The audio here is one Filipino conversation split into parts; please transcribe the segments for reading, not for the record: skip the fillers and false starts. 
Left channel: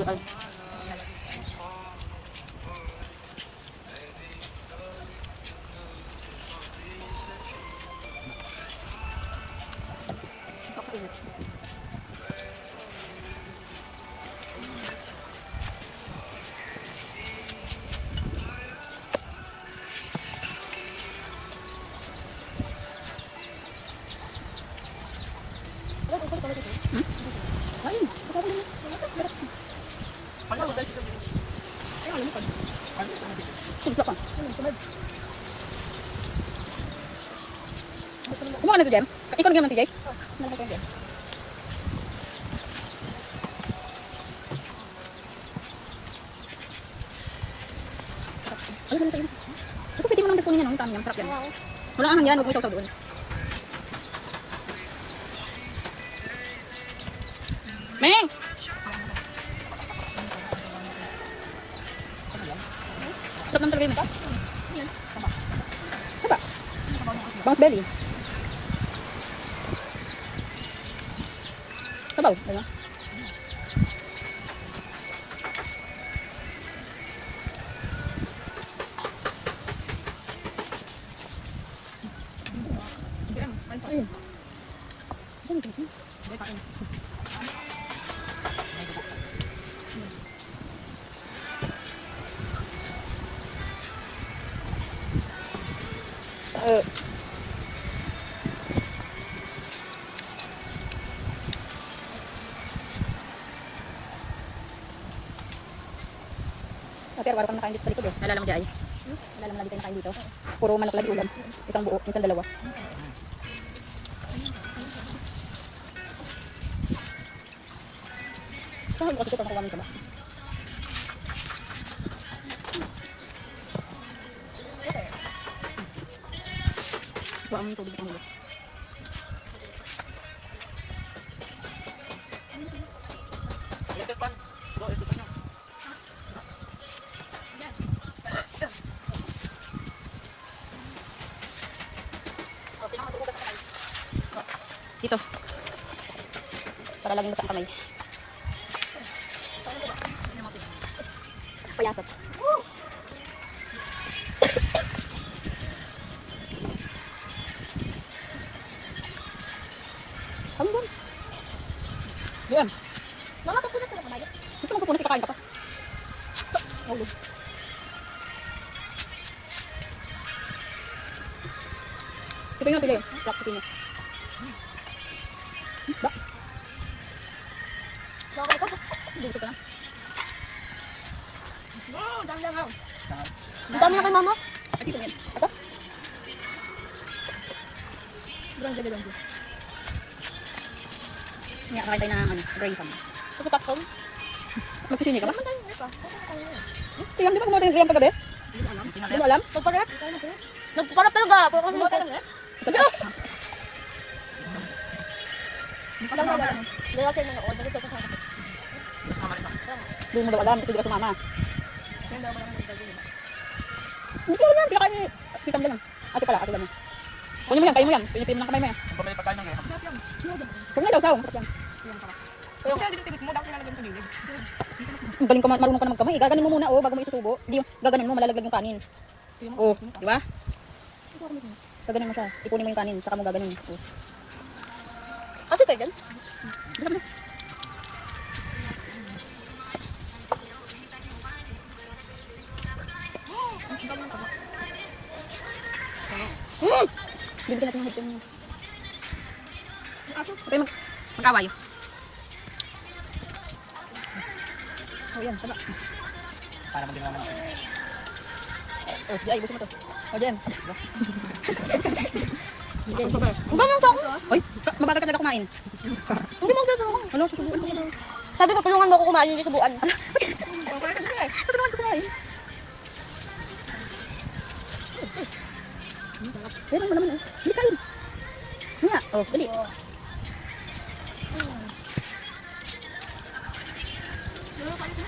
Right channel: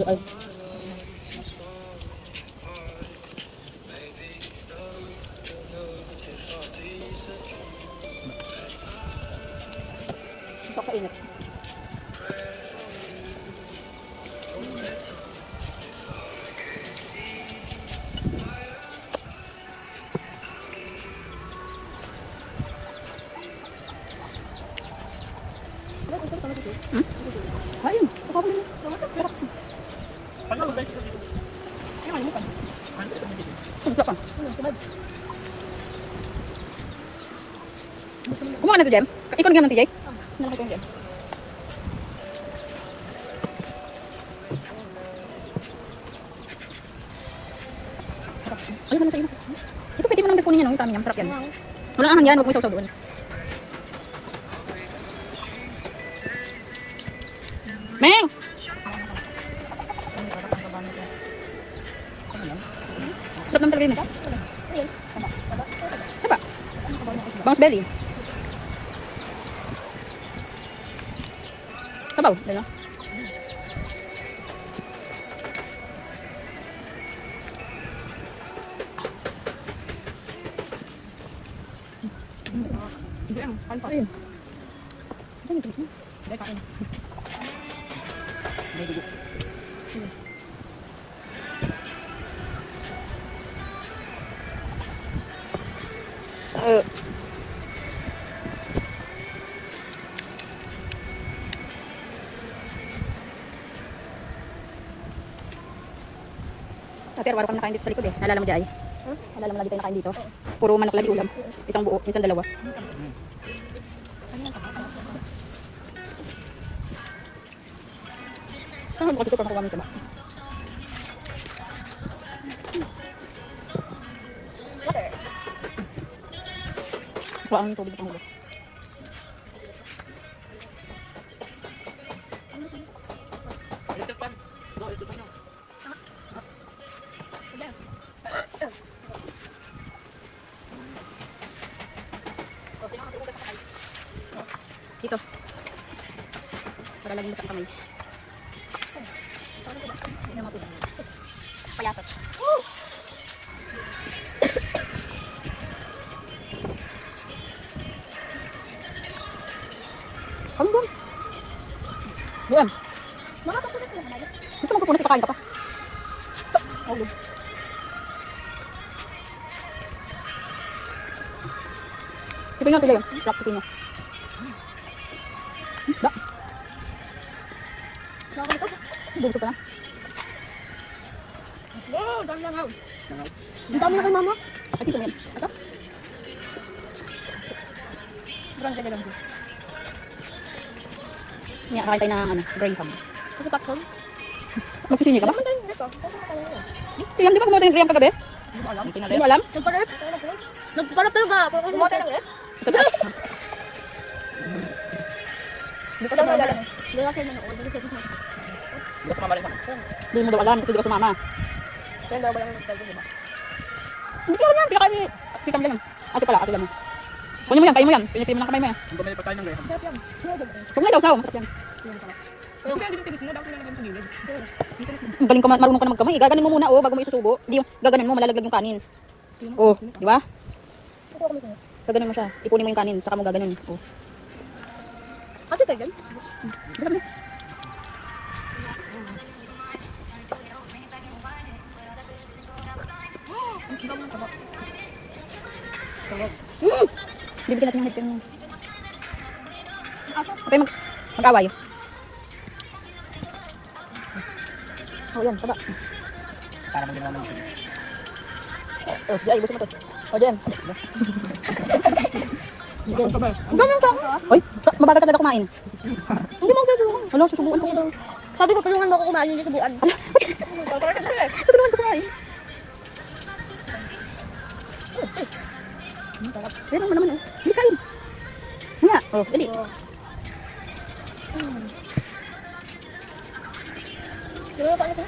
Ay. Ito kainit. Kumuha na ito, Jem? Ikon ka man, TJ? Ito pwede mo nang gaskunin yan, no? Yung tami niya, masarap yan. Wala naman yan, huwag mo isaw-saw doon. Meng! Sarap lang talaga yun, ha? Diba? Bounce belly. Sabaw, diba? Hindi lang, kain pa. Hindi, kain. May dugo. Pero wala kang nakain dito sa likod eh. Nalala mo dyan? Nalala mo lagi tayo nakain dito? Puro manok lagi ulam. Isang buo, isang dalawa. Bakit ito pa makuha nito ba? Wala ang tubig itong hulo. Dito. Para laging basa ang kamay. Payasat. Hanggang. Buwan. Makakapunas ang nanay. Gusto mo pupunas, kakain ka pa. Halo. Ito nga pila yun. Practice niya. Ba? Buso pa lang. Wow, dami lang ako. Dami lang kay mama. At ito lang. Ito? Parang ganda lang. Ngayon, kain tayo na brain farm. Kasi pakson? Magpipini ka ba? Ilang di ba kumawa tayong riyam kagabi? Hindi mo alam. Hindi mo alam? Nagpalat? Nagpalat talaga. Kumawa tayo ulit? Sabi ko! Hindi ko sumama. Hindi ko sumama. Hindi ko sumama rin ako. Hindi mo daw alam kasi hindi ko sumama. Kaya daw ba lang nagpagod, diba? Hindi ko alam. Hindi ka kayo. Kita mo lang. Ate pala, ate lang mo. Kunin mo yan, kain mo yan. Pinipin mo lang kamay mo yan. Ang bumili pa tayo ng graham. Huwag na daw, flow. Kasi hindi tinitimo mo, dapat nilalagay mo sa gilid. Ang galing ka, marunong ka na magkamay. Gaganin mo muna, oh, bago mo isusubo. Hindi yung gaganin mo, malalaglag yung kanin. Oh, di ba? Gaganin mo siya. Ipunin mo yung kanin, saka mo gaganin. Oh. Kasi tayo dyan? Basta mo. Bibigyan natin ng headphone niya. Okay, mag-away. Oh, yan, saba. Para maging naman ito. Oh, Jai, gusto mo to. Oh, Jem. Uy, mabagal ka talaga kumain. Hindi mo gagawin. Wala, susubuan ko daw. Sabi ko, tulungan mo ako kumain yung subuan. Tulungan ko kumain. Pero mo naman, hindi kain. Nga, oh, dali. Sino pa ito?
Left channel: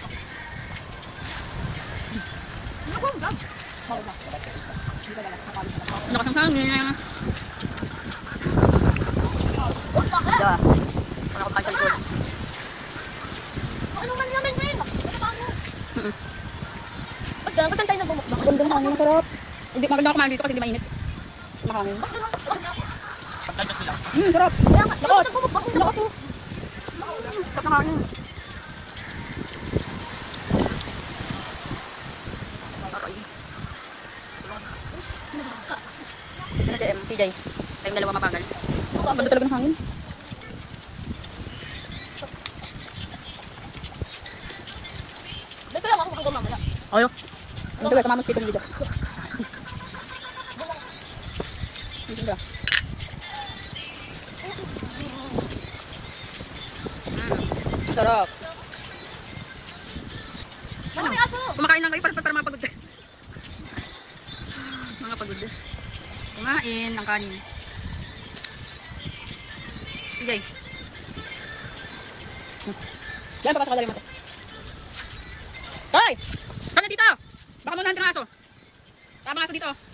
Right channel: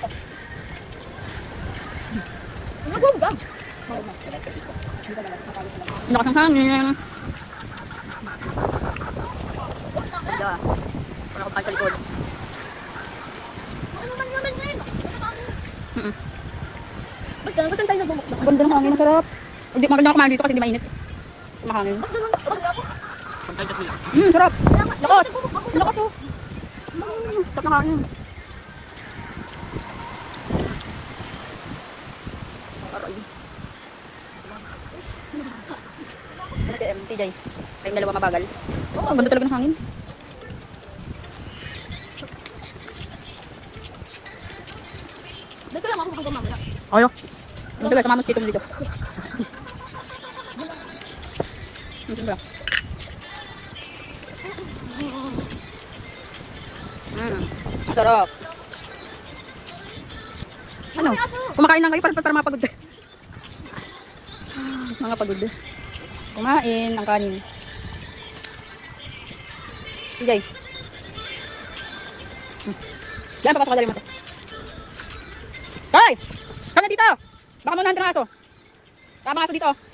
Ano ba ba? Lakas ng hangin. Diba? Para kumakain sa likod. Ba't tayo sa bumuk? Maganda ng hangin, sarap. Hindi, maganda ako kumain dito kasi hindi mainit. Mahangin. Sometimes nila. Sarap. Lakas! Lakas! Sarap ng hangin. Aray. Ano kaya, TJ? Kayong dalawa mabagal. Oo, ang ganda talaga ng hangin. Dito lang ako kung mamaya. Ayo. Ang ganda, tumamos dito dito. Sarap. Ano? Kumakain lang kayo para mapagod ka. Mga pagod. Kumain ng kanin. Sige. Yan, papasok ka dali mo. Hoy! Ano dito? Baka mo nahan aso. Tama aso dito.